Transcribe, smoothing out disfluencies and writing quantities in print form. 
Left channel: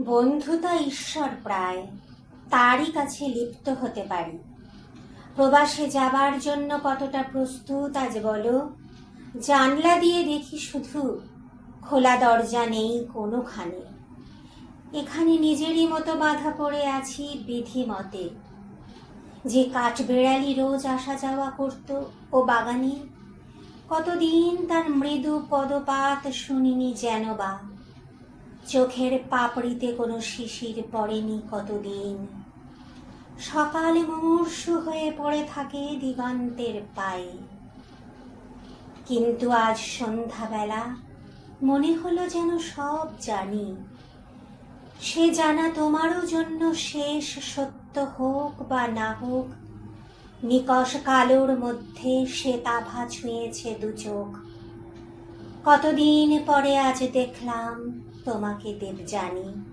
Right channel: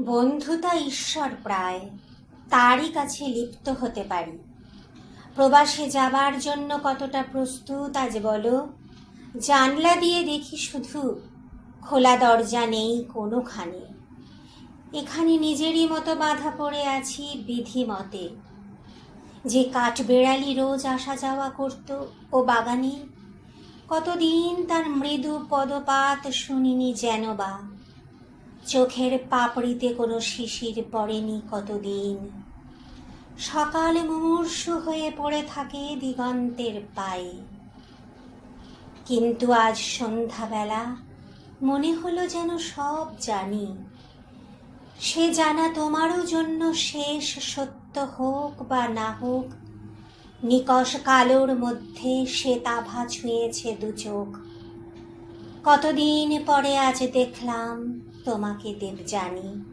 বন্ধুতা ঈশ্বর প্রায়, তারই কাছে লিপ্ত হতে পারি। প্রবাসে যাবার জন্য কতটা প্রস্তুত আজ বলো। জানলা দিয়ে দেখি শুধু, খোলা দরজা নেই কোনোখানে। এখানে নিজেরই মতো বাধা পড়ে আছি বিধি মতে। যে কাঠবেড়ালি রোজ আসা যাওয়া করত ও বাগানে, কতদিন তার মৃদু পদপাত শুনিনি যেন বা। চোখের পাপড়িতে কোনো শিশির পড়েনি কতদিন। সকাল মুমূর্ষু হয়ে পড়ে থাকে দিগন্তের পায়ে। কিন্তু আজ সন্ধ্যাবেলা মনে হলো যেন সব জানি। সে জানা তোমারও জন্য শেষ সত্য হোক বা না হোক, নিকষ কালোর মধ্যে শ্বেতাভা ছুঁয়েছে দু চোখ। কতদিন পরে আজ দেখলাম তোমাকে দেবযানী।